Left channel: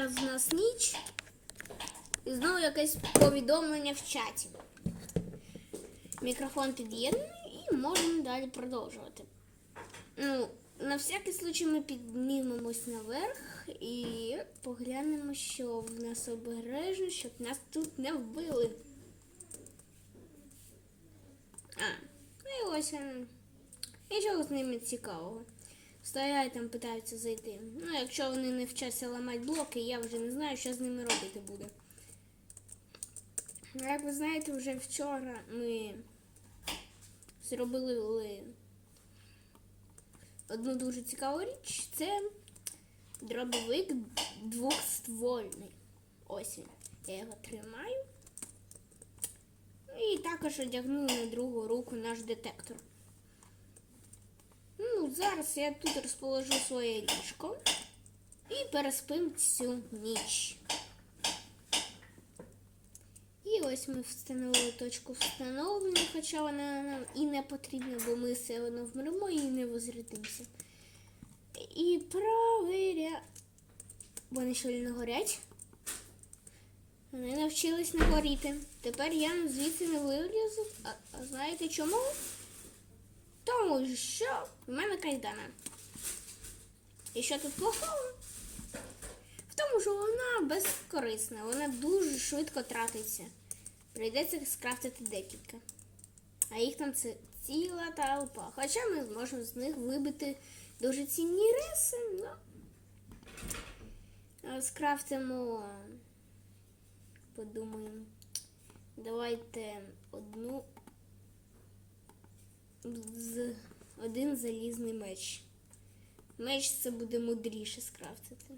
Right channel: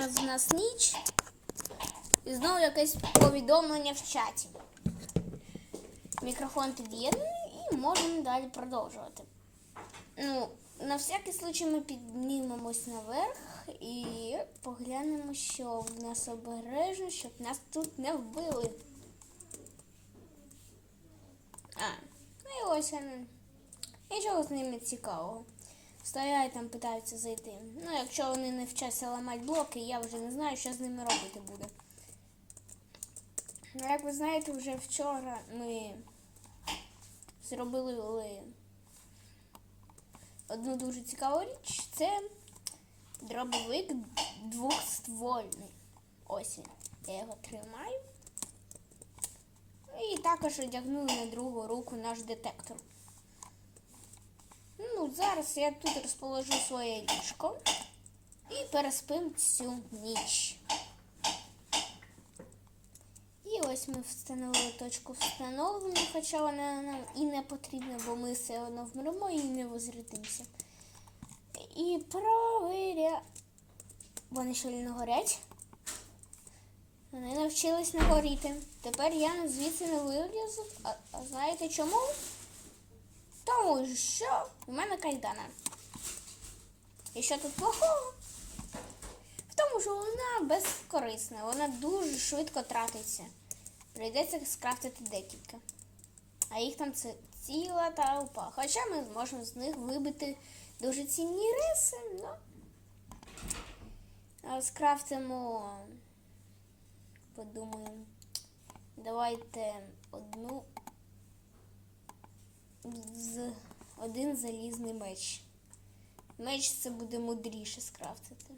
Зараз у нас ніч. І знову якесь повідомлення в чаті. Мікрофон під'єднаний і можемо далі продовжувати. Ну, на всякий случай ми піднімемось наверх і поглянемо, що в нас обережно, щоб нас тут не вбили. А, ну і ось. Нічого з ними цікавого. Стоять там, питаються зайти. Ну, якщо вони не вчаться ламати блоки, я вже не знаю, що з ними робити буде. Ну, як ви знаєте, вже вчора ми зробили одну дуже цікаву річ. Це дробовик двохствольний. Ось він. Я його тримаю. І також одягнули на другу руку наш детектор. Ну, зараз я тут розположу своє ліжко і переспим цю ніч. І ось ми встановили точку встановлення, хоча вона нам і не потрібна, бо ми все одно вмремо і не возродимося. І провіря. Вони що не горять? Вони навчились не горіти. Тепер я звідси не вилізу. А, а знаєте чому? Тому що в мене кайдана. І що тут плохого? В тому, що вона безкорисна, вона дуже швидко тратиться. Прийдеться скрафтити декілька. А їх там це ціла толпа. Хоча ми зможемо з них вибити дуже цінні риси, ну. Скрафтимо. Подумаємо. Давайте одну з один залізний меч. Меч це буде мудріше скрафтити.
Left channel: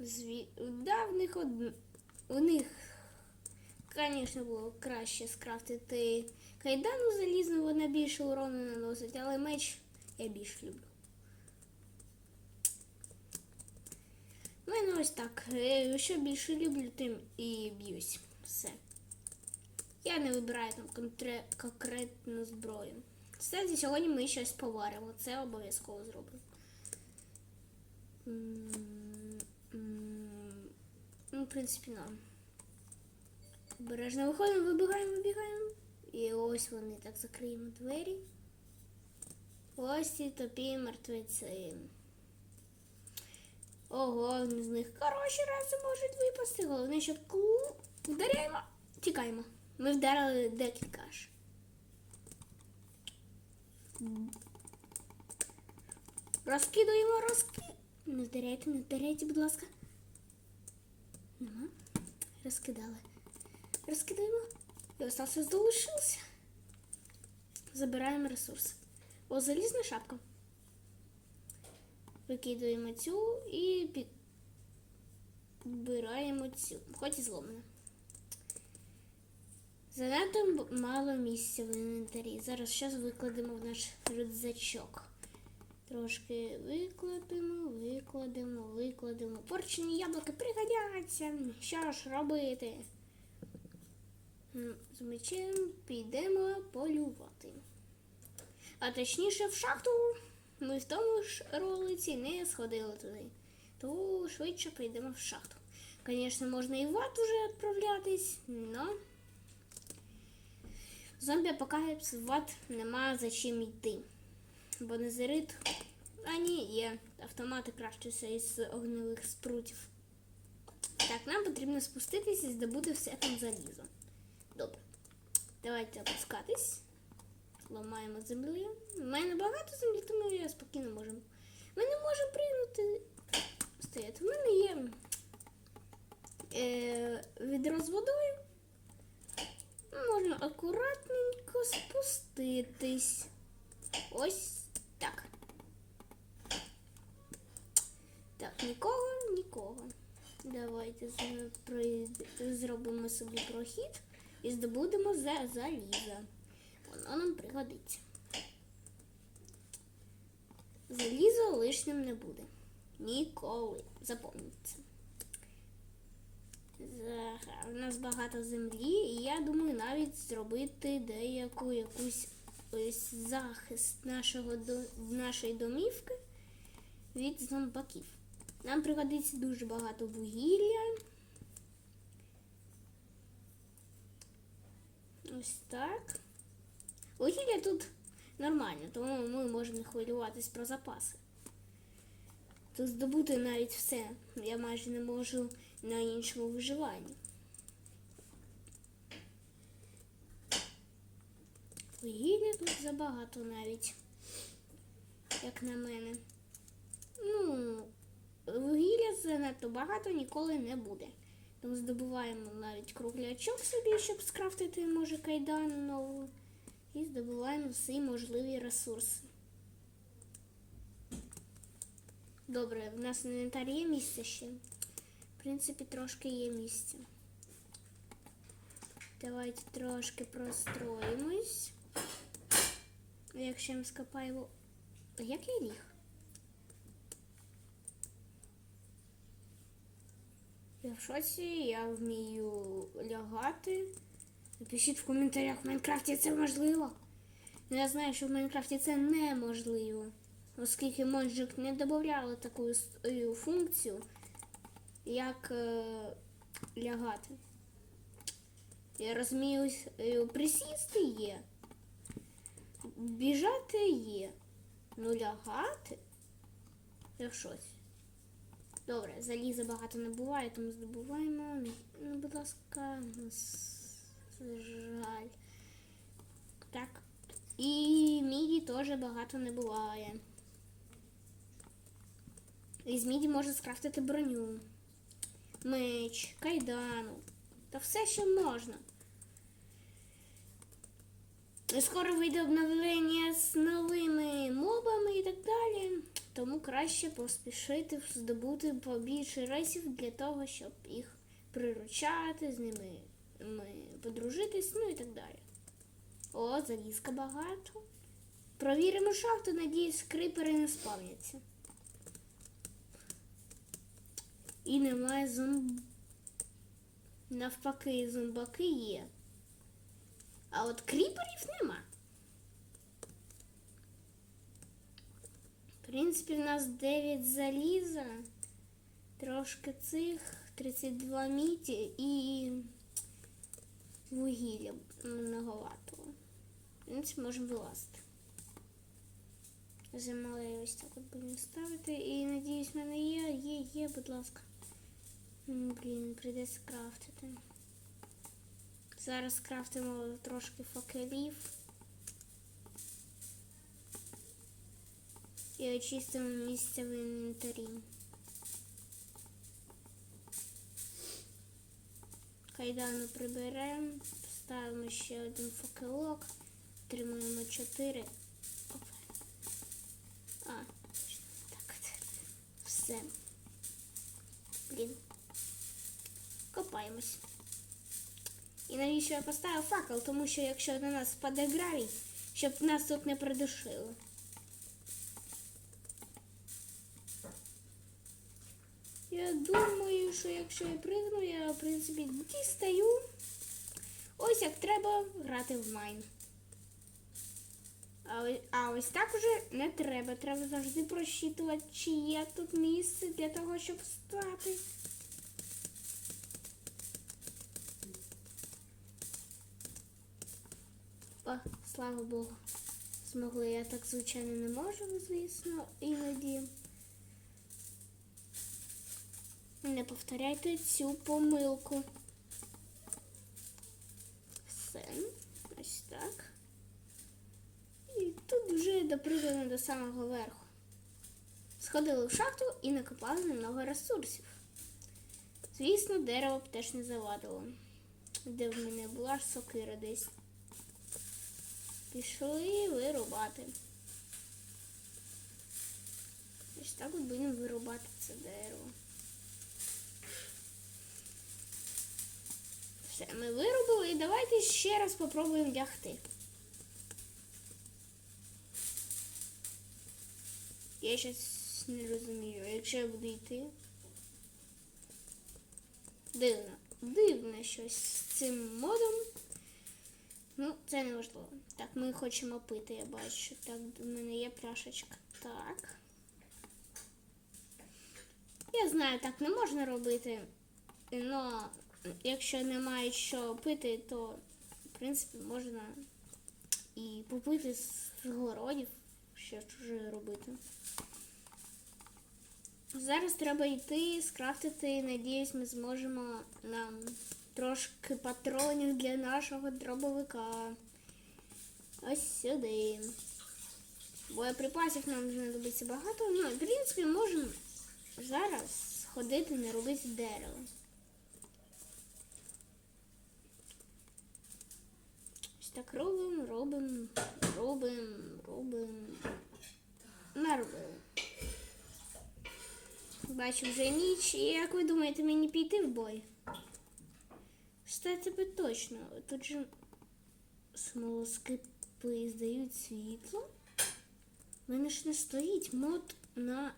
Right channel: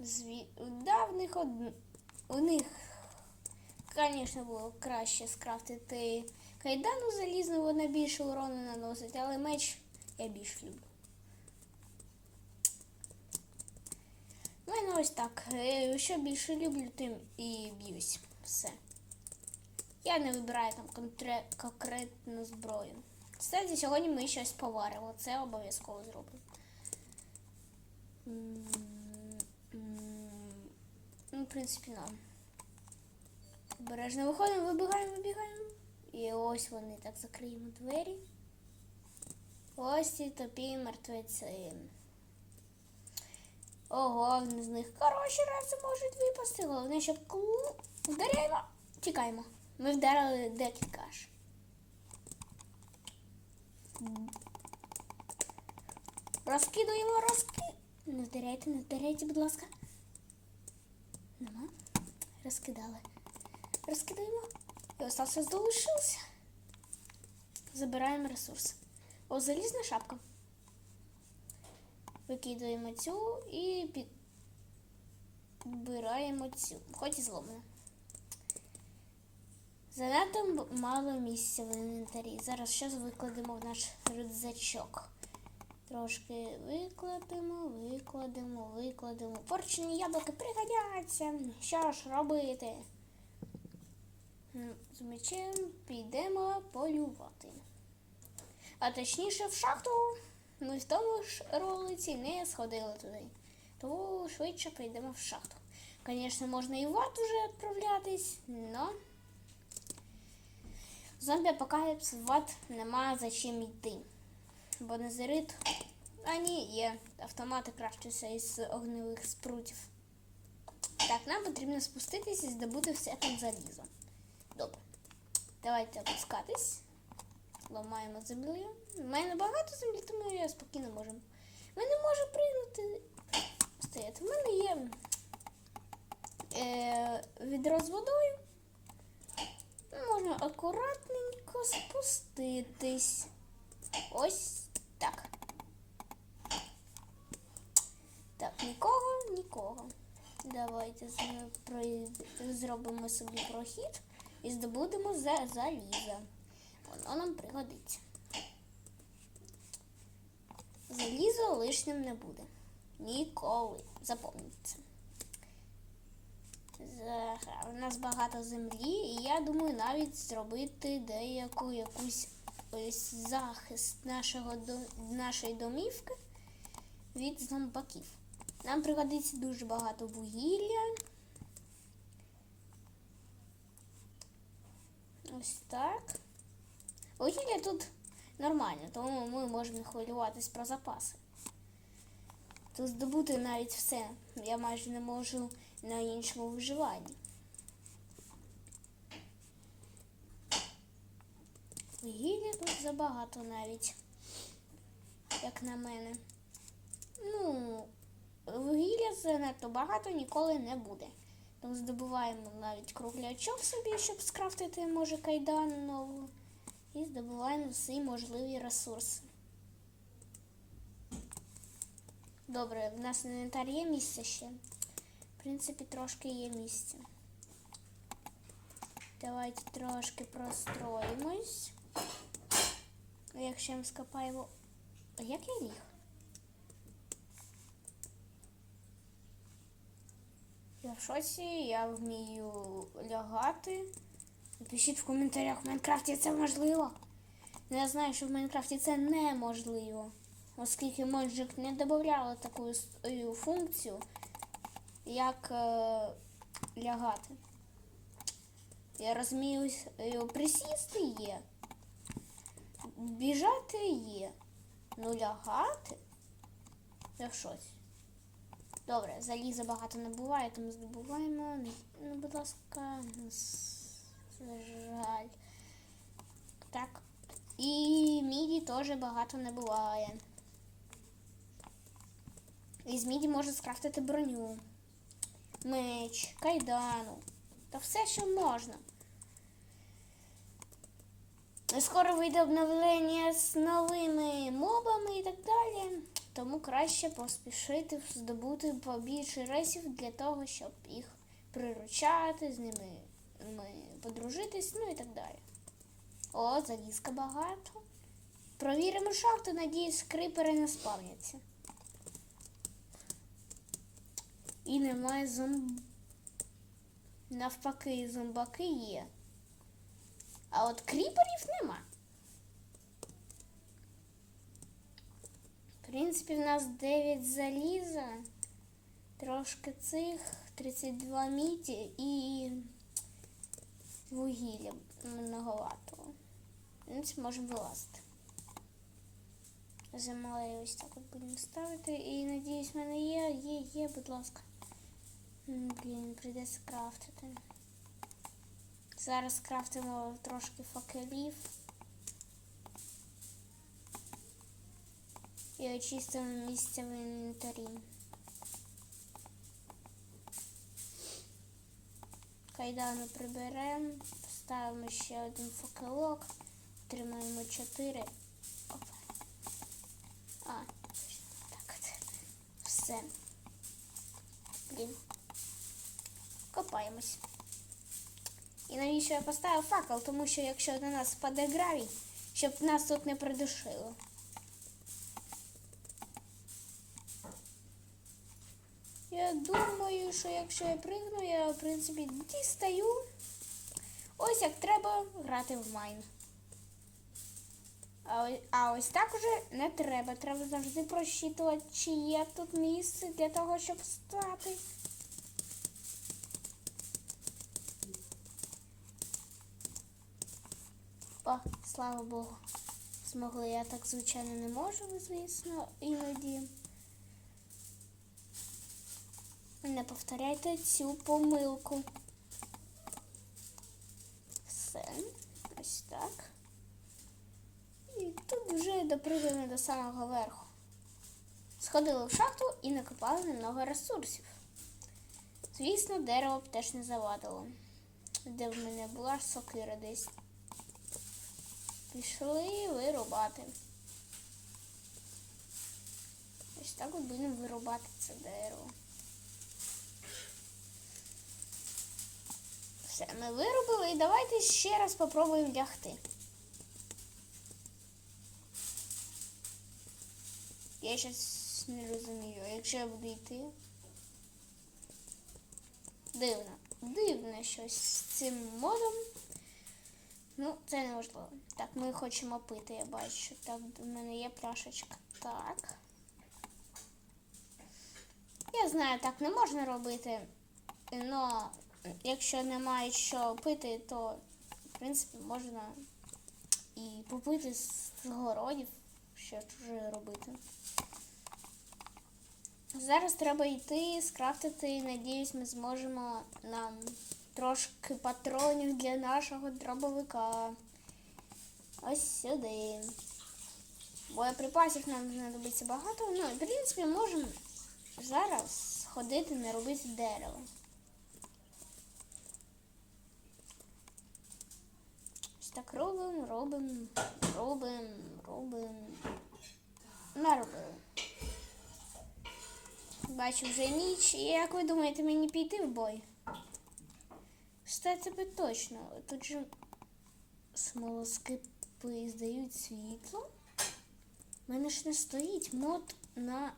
Зві... Да, в них од... у них, звісно, було краще скрафтити кайдану залізну, вона більше урону наносить, але меч я більш люблю. У мене ось так. Е, Що більше люблю, тим і б'юсь. Все. Я не вибираю там конкре- конкретну зброю. Кстати, сьогодні ми щось поваримо. Це обов'язково зробимо. Ну, в принципі, нам. Обережно виходимо, вибігаємо, вибігаємо. І ось вони так закриємо двері. Ось ці топі мертвеці. Ого, з них хороші рази можуть випасти. Головне, щоб клу вдаряємо. Тікаємо. Ми вдарили декілька аж. Розкидуємо, розки. Не вдаряйте, не вдаряйте, будь ласка. Нема. Розкидали. Розкидаємо. І остався залишився. Забираємо ресурс. О, залізна шапка. Викидуємо цю і підбираємо цю. Хоч і зломана. Занадто мало місця в інвентарі. Зараз щось викладемо в наш рюкзачок. Трошки викладемо, викладемо, викладемо. Порчені яблуки пригодяться. Що ж робити? З мечем підемо полювати. А точніше в шахту. Ми в тому ж ролиці не сходили туди. То швидше прийдемо в шахту. Звісно, можна і в ад уже відправлятись, но зомбі апокаліпс в ад нема за чим йти. Бо незерит, а ні, є автомати крафтуються із огневих спрутів. Так, нам потрібно спуститись і здобути все там залізо. Добре. Давайте опускатись. Ламаємо землю. У мене багато землі, тому я спокійно можу. Ми не можемо пригнути. Стояти. У мене є е, відро з водою. Можна акуратненько спуститись. Ось так. Так, нікого, нікого. Давайте зробимо собі прохід і здобудемо за заліза. Воно нам пригодиться. Залізо лишнім не буде. Ніколи. Запам'ятайте. це. У нас багато землі, і я думаю навіть зробити деяку якусь ось захист нашого нашої домівки. від зомбаків. Нам пригодиться дуже багато вугілля. Ось так. Вугілля тут нормально, тому ми можемо хвилюватись про запаси. Тут здобути навіть все. Я майже не можу на іншому виживанні. Вугілля тут забагато навіть, як на мене. Ну, вугілля занадто багато ніколи не буде. Тому здобуваємо навіть круглячок собі, щоб скрафтити, може, кайдан нову. І здобуваємо всі можливі ресурси. Добре, в нас в інвентарі є місце ще. Принципі, трошки є місця. Давайте трошки простроїмось. Якщо ми скопаємо. А як я ліг? Я в шоці, я вмію лягати. Напишіть в коментарях, в Майнкрафті це можливо. Ну, Я знаю, що в Майнкрафті це неможливо, оскільки Моджик не додавали таку е, функцію, як е, лягати. Я розумію, е, присісти є, біжати є, ну лягати це щось. Добре, заліза багато не буває, тому здобуваємо. Ну, будь ласка, жаль. Так. І міді теж багато не буває. Із міді можна скрафтити броню, меч, кайдану. Та все, що можна. Скоро вийде обновлення з новими мобами і так далі. Тому краще поспішити здобути побільше рейсів для того, щоб їх приручати, з ними ми подружитись, ну і так далі. О, залізка багато. Провіримо шахту, надіюсь, крипери не спавняться. І немає зомб. Навпаки, зомбаки є. А от кріперів нема. В принципі, в нас 9 заліза, трошки цих, 32 міді і вугілля многовато. В принципі, можемо вилазити. Замалею ось так от будемо ставити. І надіюсь, в мене є, є, є, будь ласка. М, Блін, прийдеться крафтити. Зараз крафтимо трошки факелів. І очистимо місце в інвентарі. Кайдану приберемо, ставимо ще один факелок, отримаємо 4. Опа. А, так от. Все. Блін. Копаємось. І навіщо я поставив факел? Тому що якщо на нас впаде гравій, щоб нас тут не придушило. Я думаю, що якщо я пригну, я в принципі дістаю. Ось як треба грати в майн. А, ось- так уже не треба. Треба завжди просчитувати, чи є тут місце для того, щоб стати. О, слава Богу. Змогли. Я так, звичайно, не можу, звісно, іноді. Не повторяйте цю помилку. Все. Ось так. І тут вже допригли до самого верху. Сходили в шахту і накопали немного ресурсів. Звісно, дерево б теж не завадило. Де в мене була ж сокира десь. Пішли вирубати. Ось так от будемо вирубати це дерево. Все, ми вирубили і давайте ще раз попробуємо лягти. Я щось не розумію, якщо я буду йти. Дивно. Дивно щось з цим модом. Ну, це не важливо. Так, ми хочемо пити, я бачу. Так, в мене є пляшечка. Так. Я знаю, так не можна робити. але якщо немає що пити, то в принципі можна і попити з городів, що чуже робити. Зараз треба йти, скрафтити. Надіюсь, ми зможемо нам трошки патронів для нашого дробовика. Ось сюди. Боєприпасів нам знадобиться багато. Ну, в принципі, можемо зараз ходити, не робити дерево. Ось так робимо, робимо, робимо, робимо. Наробили. Бачу вже ніч. І як ви думаєте, мені піти в бой? Що тебе точно. Тут же смолоскипи здають світло. У мене ж не стоїть мод на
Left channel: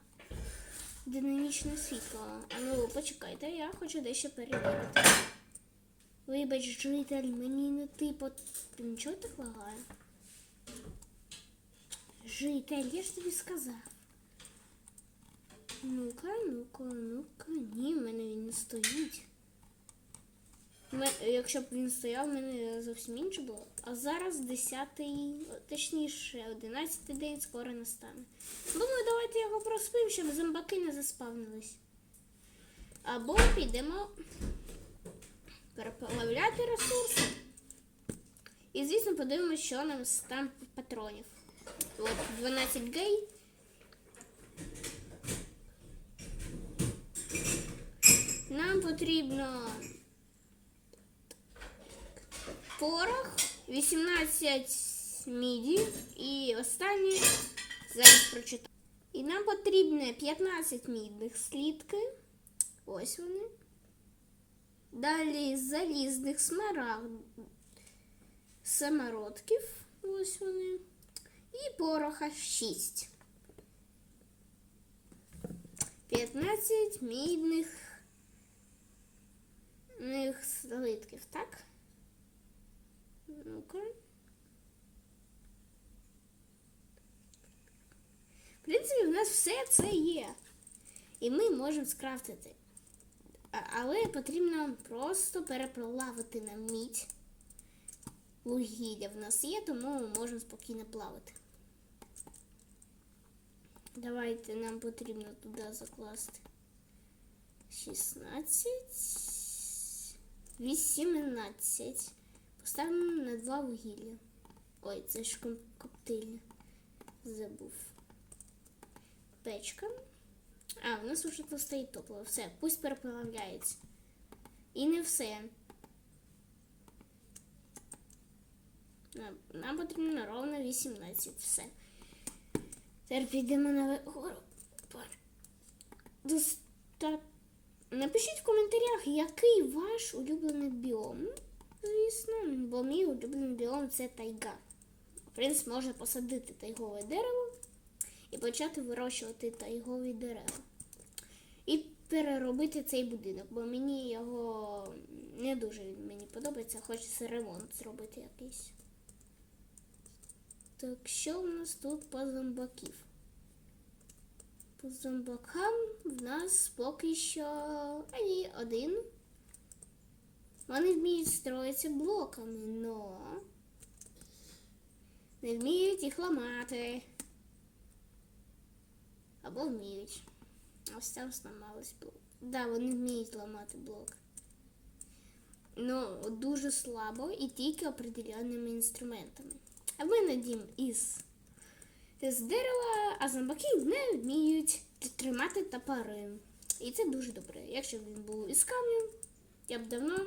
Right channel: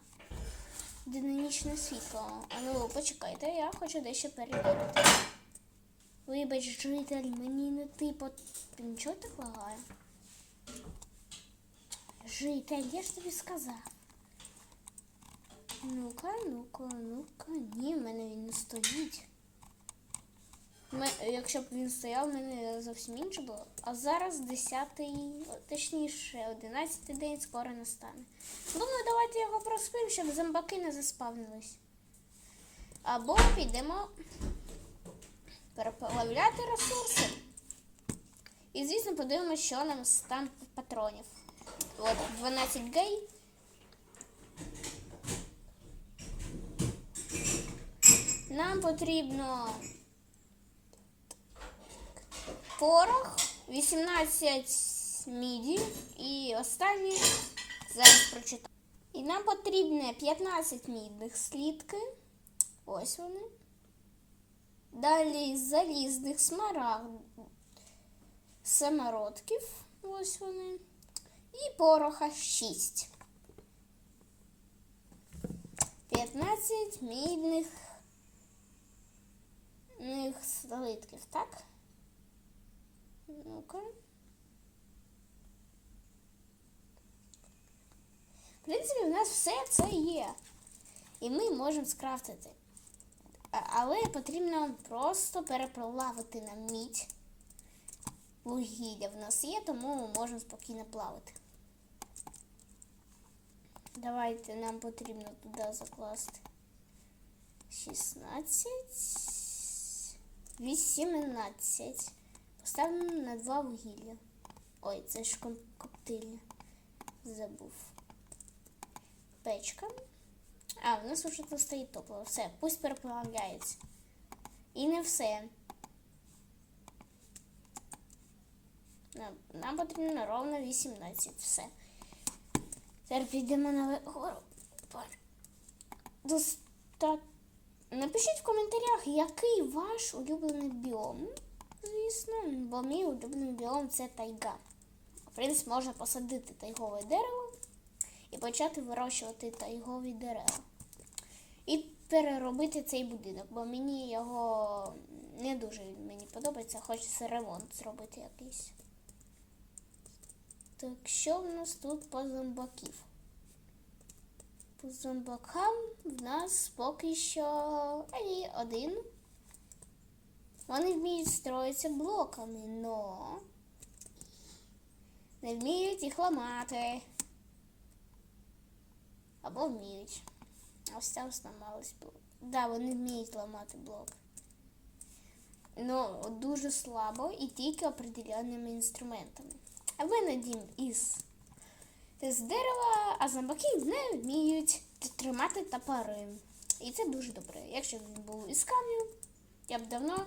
динамічне світло. А ну, почекайте, я хочу дещо перевірити. Вибач, житель, мені не ти. Нічого так лагає? Житель, я ж тобі сказав. Ну-ка, ну-ка, ну-ка. Ні, в мене він не стоїть. Якщо б він стояв, мене зовсім інше було. А зараз 10, точніше, 11 день скоро настане. Думаю, давайте його проспимо, щоб зомбаки не заспавнились. Або підемо переплавляти ресурси. І, звісно, подивимося, що нам там патронів. От 12 гей. Нам потрібно порох, 18 міді і останнє зараз прочитаю. І нам потрібно 15 мідних слідки. Ось вони. Далі залізних смарагд самородків. Ось вони. І пороха 6. 15 мідних них слитків, так? Ну-ка. В принципі, в нас все це є. І ми можемо скрафтити. Але потрібно просто переплавити на мідь. Вугілля в нас є, тому ми можемо спокійно плавати. Давайте нам потрібно туди закласти 16, 18. Поставимо на два вугілля. Ой, це ж коптильня. Забув. Печка. А, в нас вже тут стоїть топливо. Все, пусть переплавляється. І не все. Нам, потрібно ровно 18. Все. Тепер підемо на гору. Доста... Напишіть в коментарях, який ваш улюблений біом. Звісно, бо мій улюблений біом це тайга. В принципі, можна посадити тайгове дерево і почати вирощувати тайгові дерева. І переробити цей будинок, бо мені його не дуже мені подобається, хочеться ремонт зробити якийсь. Так, що в нас тут по зомбаків? По зомбакам в нас поки що а один. Вони вміють строїтися блоками, но не вміють їх ламати. Або вміють. Ось там зламались блок. Да, вони вміють ламати блок. Ну, дуже слабо і тільки определенними інструментами. А ми надім із, з дерева, а зомбаки не вміють тримати топори. І це дуже добре. Якщо б він був із камню, я б давно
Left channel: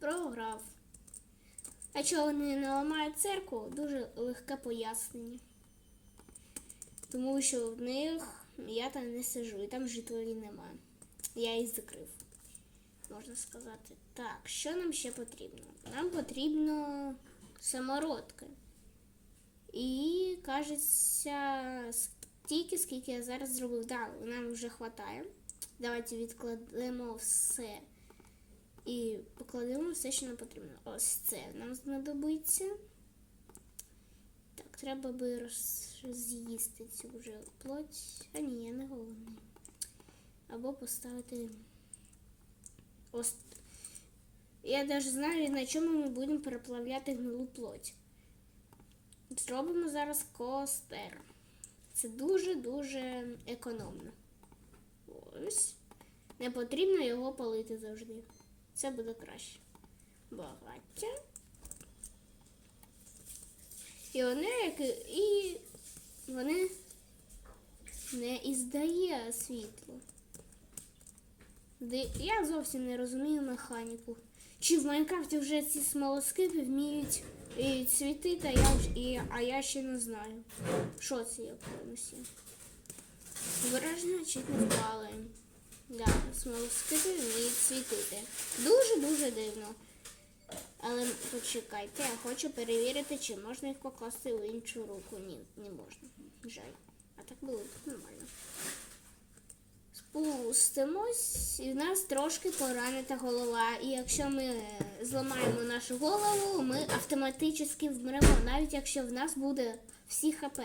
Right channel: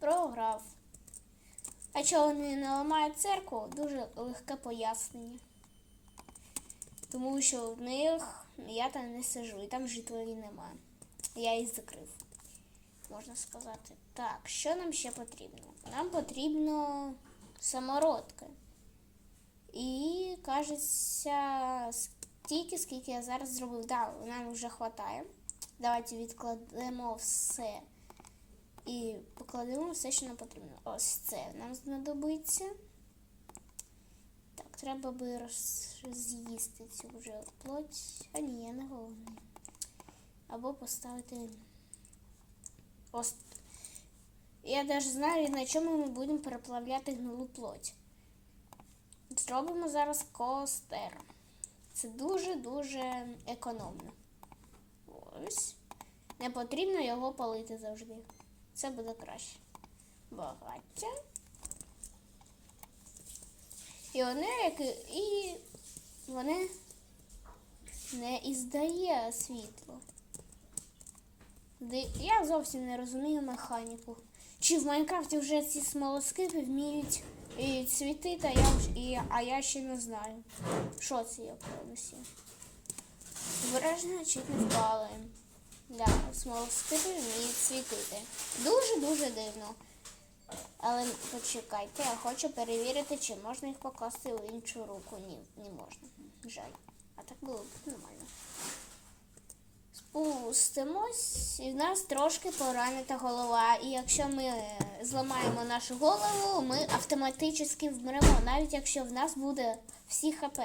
програв. А чого вони не ламають церкву, дуже легке пояснення. Тому що в них я там не сижу, і там жителів немає. Я їх закрив, можна сказати. Так, що нам ще потрібно? Нам потрібно самородки. І кажеться, стільки, скільки я зараз зробив. Да, нам вже вистачає. Давайте відкладемо все. І покладемо все, що нам потрібно. Ось це нам знадобиться. Так, треба би роз- з'їсти цю вже плоть. А ні, я не голодний. Або поставити. Ось. Я навіть знаю, на чому ми будемо переплавляти гнилу плоть. Зробимо зараз костер. Це дуже-дуже економно. Ось. Не потрібно його палити завжди. Це буде краще. Багаття. І вони, як і- вони не іздає світло. Я зовсім не розумію механіку. Чи в Майнкрафті вже ці смолоскипи вміють і світити, а я, і, а я ще не знаю. Що це я принесу? Вираження чуть не впали. Да, смолоскипи вміють світити. Дуже-дуже дивно. Але почекайте, я хочу перевірити, чи можна їх покласти у іншу руку. Ні, не можна. Жаль. А так було б нормально. Спустимось, і в нас трошки поранена голова. І якщо ми е, зламаємо нашу голову, ми автоматично вмремо, навіть якщо в нас буде всі ХП.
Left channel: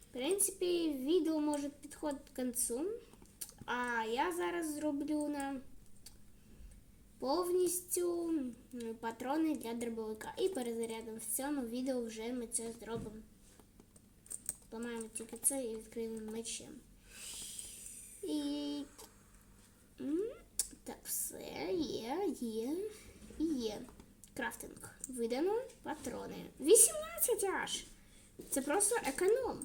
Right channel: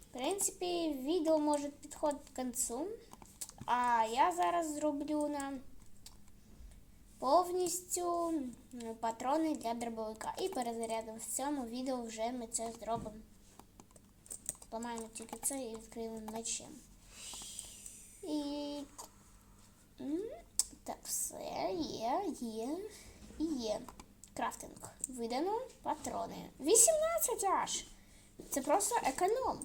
В принципі, відео може підходити к кінцю. А я зараз зроблю нам повністю патрони для дробовика. І перезарядом в цьому відео вже ми це зробимо. Ламаємо тільки це і відкриємо мечем. І так, все є, є і є. Крафтинг. Видано патрони. 18 аж. Це просто економ.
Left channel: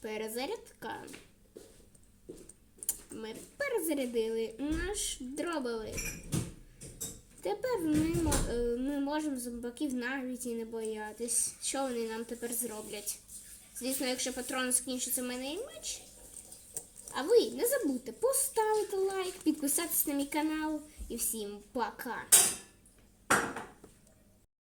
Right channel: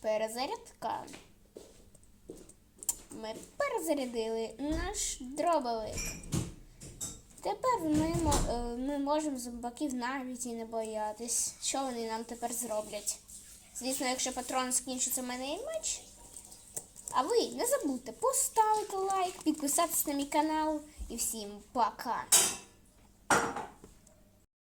Перезарядка. Ми перезарядили наш дробовик. Тепер ми, е, ми можемо зомбаків навіть і не боятись. Що вони нам тепер зроблять? Звісно, якщо патрон скінчиться, в мене і меч. А ви не забудьте поставити лайк, підписатися на мій канал і всім пока!